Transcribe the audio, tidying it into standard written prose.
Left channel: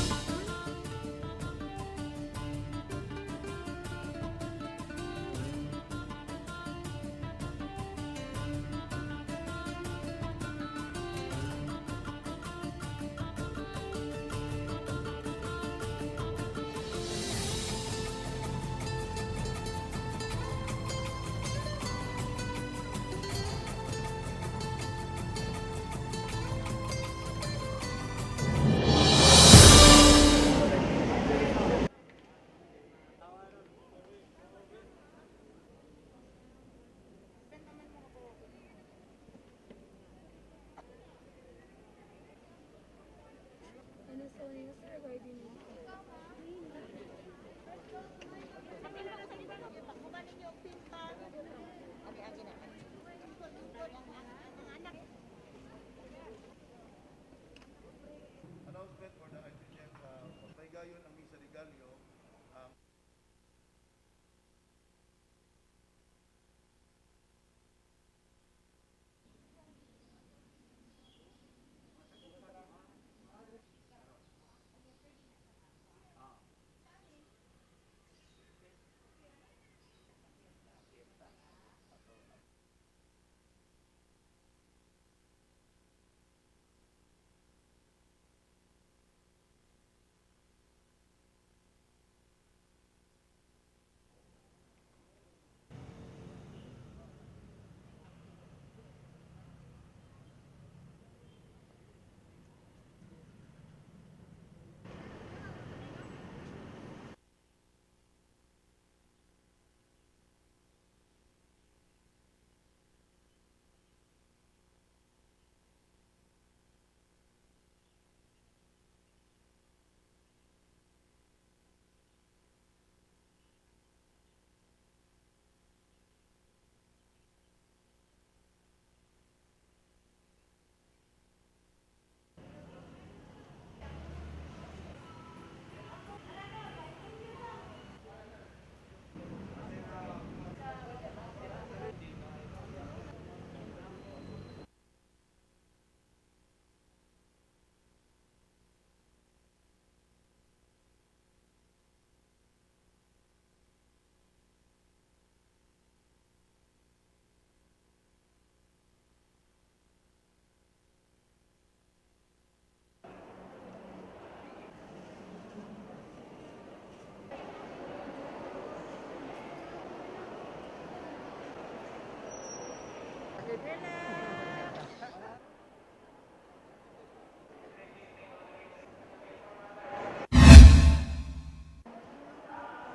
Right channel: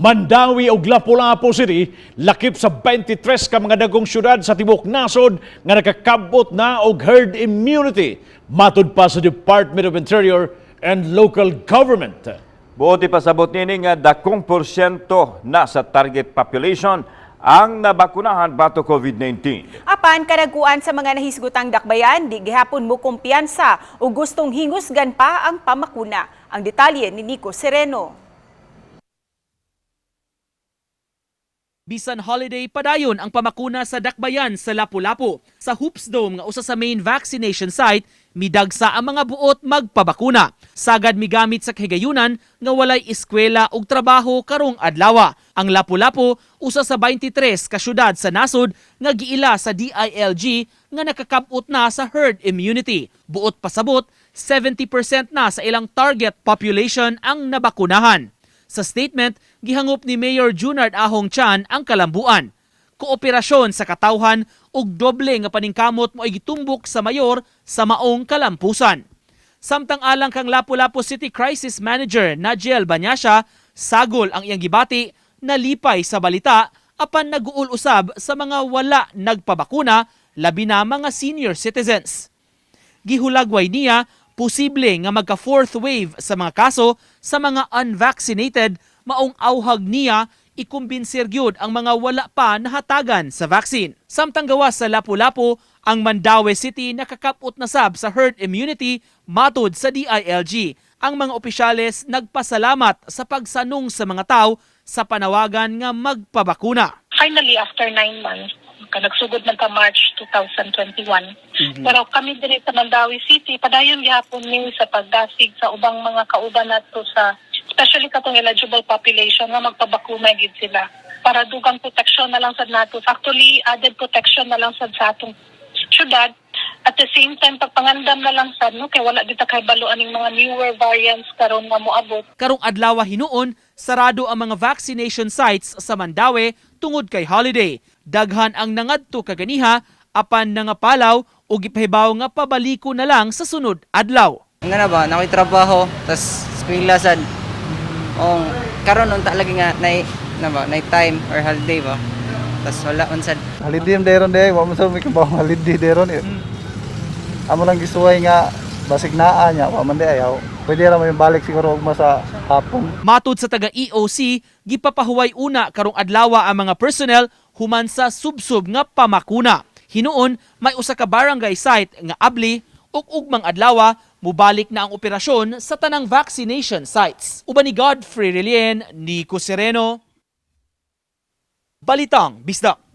Mandawi ug Lapu-Lapu City lakip sa 23 ka mga dagong syudad sa tibuok nasod nga nakakabot na og herd immunity matud pa sa Department of Interior and Local Government. Buot ipasabot nini nga dakong porsyento na sa target population ang nabakunahan bato COVID-19. Apan karaguan sa mga nahisgutang dakbayan, di gihapon mo kumpiyansa o gustong hingusgan pa ang pamakuna. Ang detalye ni Nico Sereno. Bisan holiday padayon ang pamakuna sa dakbayan sa Lapu-Lapu. Sa Hoops Dome nga usa sa main vaccination site, midagsa ang mga buot magpabakuna. Sagad migamit sa kahigayunan nga walay eskwela ug trabaho karong adlaw. Ang Lapu-Lapu usa sa 23 ka syudad sa nasod nga giila sa DILG nga nakakabot na sa herd immunity. Buot pasabot, 70% na sa ilang target population ang nabakunahan. Sa statement, gihangop ni Mayor Junard Ahong Chan ang kalambuan. Kooperasyon sa katawhan ug doble nga paningkamot mo ay gitumbok sa mayor sa maong kalampusan. Samtang alang kang Lapu-Lapu City Crisis Manager Najiel Banyasha, sagol ang iyang gibati na lipay sa balita apan naguul usab sa mga wala nagpabakuna, labi na mga senior citizens. Gihulagway niya posible nga magka fourth wave sa mga kaso sa mga unvaccinated, maong auhag niya ikumbinser gyud ang mga wala pa nahatagan sa vaccine. Samtang gawas sa Lapu-Lapu, ang Mandawi City nakakapot na sab sa herd immunity matud sa DILG. Ang mga opisyales nagpasalamat sa pagsanong sa mga tao sa panawagan nga magpabakuna. Finally, after 9 months, nagsugod man ka March 2021. Pero kami din sa Mandawi City, padayon gihapon ni sa pagdasig sa ubang mga kauban nato sa especially katong eligible population nga magpabakuna gid sila para dugang protection na lang sad nato. Actually, added protection na lang sad sa atong syudad. At the same time, pagpangandam na lang sad, no, kay wala dita kay baluan ng mga newer variants karon nga moabot. Karong adlaw hinuon, sarado ang mga vaccination sites sa Mandawi tungod kay holiday. Daghan ang nangadto kaganiha apan nangapalaw o gipahibaw nga pabaliko na lang sa sunod adlaw. Nga na ba, nakoy trabaho, tas eskwela sad. Karon unta lagi nga night time or holiday ba. Tas wala man sad. Holiday deron day, wa man sa may kabaw holiday deron. Amo lang gisuway nga basig naa nya, wa man day ayaw. Pwede ra may balik siguro ugma sa hapon. Matud sa taga EOC, gipapahuway una karong adlaw ang mga personnel human sa subsub nga pamakuna. Hinuon, may usa ka barangay site nga abli ug ugmang adlaw mubalik na ang operasyon sa tanang vaccination sites. Uban ni Godfrey Relien, Nico Sereno, Balitang Bisdak.